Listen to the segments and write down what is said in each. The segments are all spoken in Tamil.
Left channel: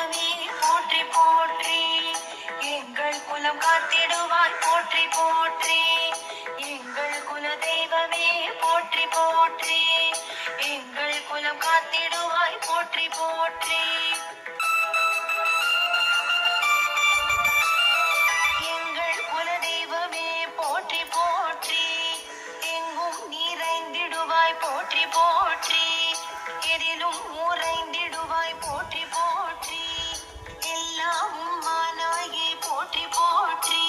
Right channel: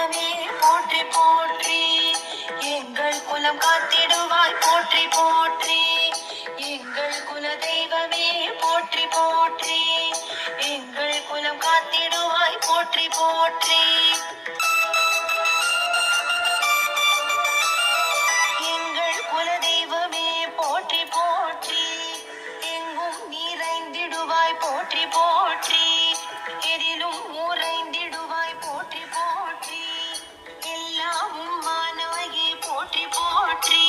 தெய்வமே போற்றி போற்றி, எங்கள் குலம் காத்திடுவாய் போற்றி போற்றி. எங்கள் குல தெய்வமே போற்றி போற்றி, எங்கள் குலம் காத்திடுவாய் போற்றி போற்றி. எங்கள் குல தெய்வமே போற்றி போற்றி, எங்கும் நிறைந்திடுவாய் போற்றி போற்றி. எதிலும் உறைந்திடுவாய் போற்றி போற்றி, எல்லாமும் மானவையே போற்றி போற்றி.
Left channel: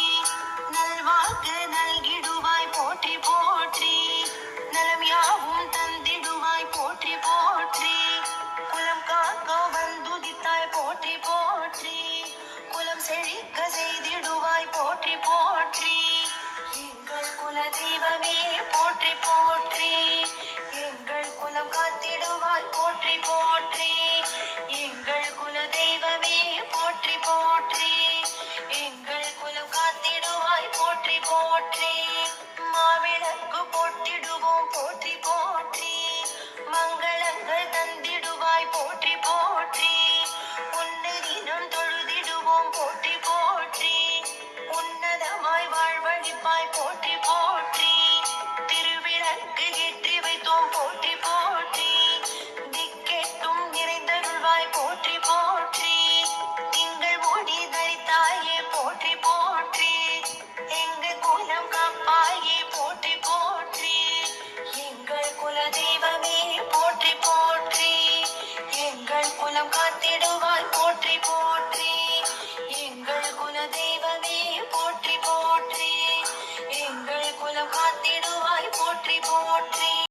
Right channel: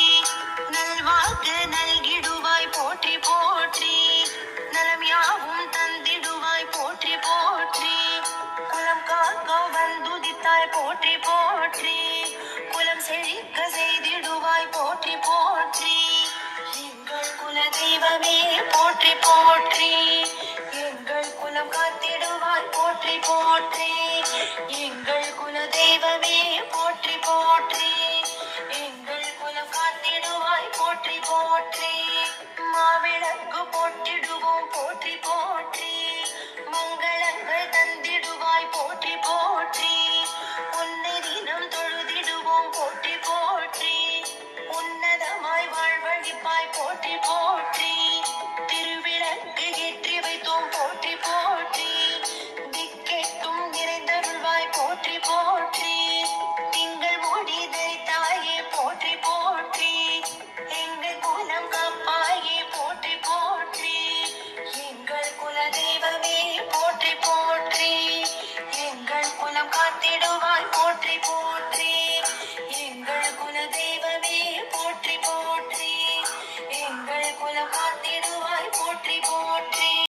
நல்வாக்கு நல்கிடுவாய் போற்றி போற்றி, நலம் யாவும் தந்திடுவாய் போற்றி போற்றி. குலம் காக்க வந்துதித்தாய் போற்றி போற்றி, குலம் செழிக்க செய்திடுவாய் போற்றி போற்றி. எங்கள் குல தெய்வமே போற்றி போற்றி, எங்கள் குலம் காத்திடுவாய் போற்றி போற்றி. எங்கள் குல தெய்வமே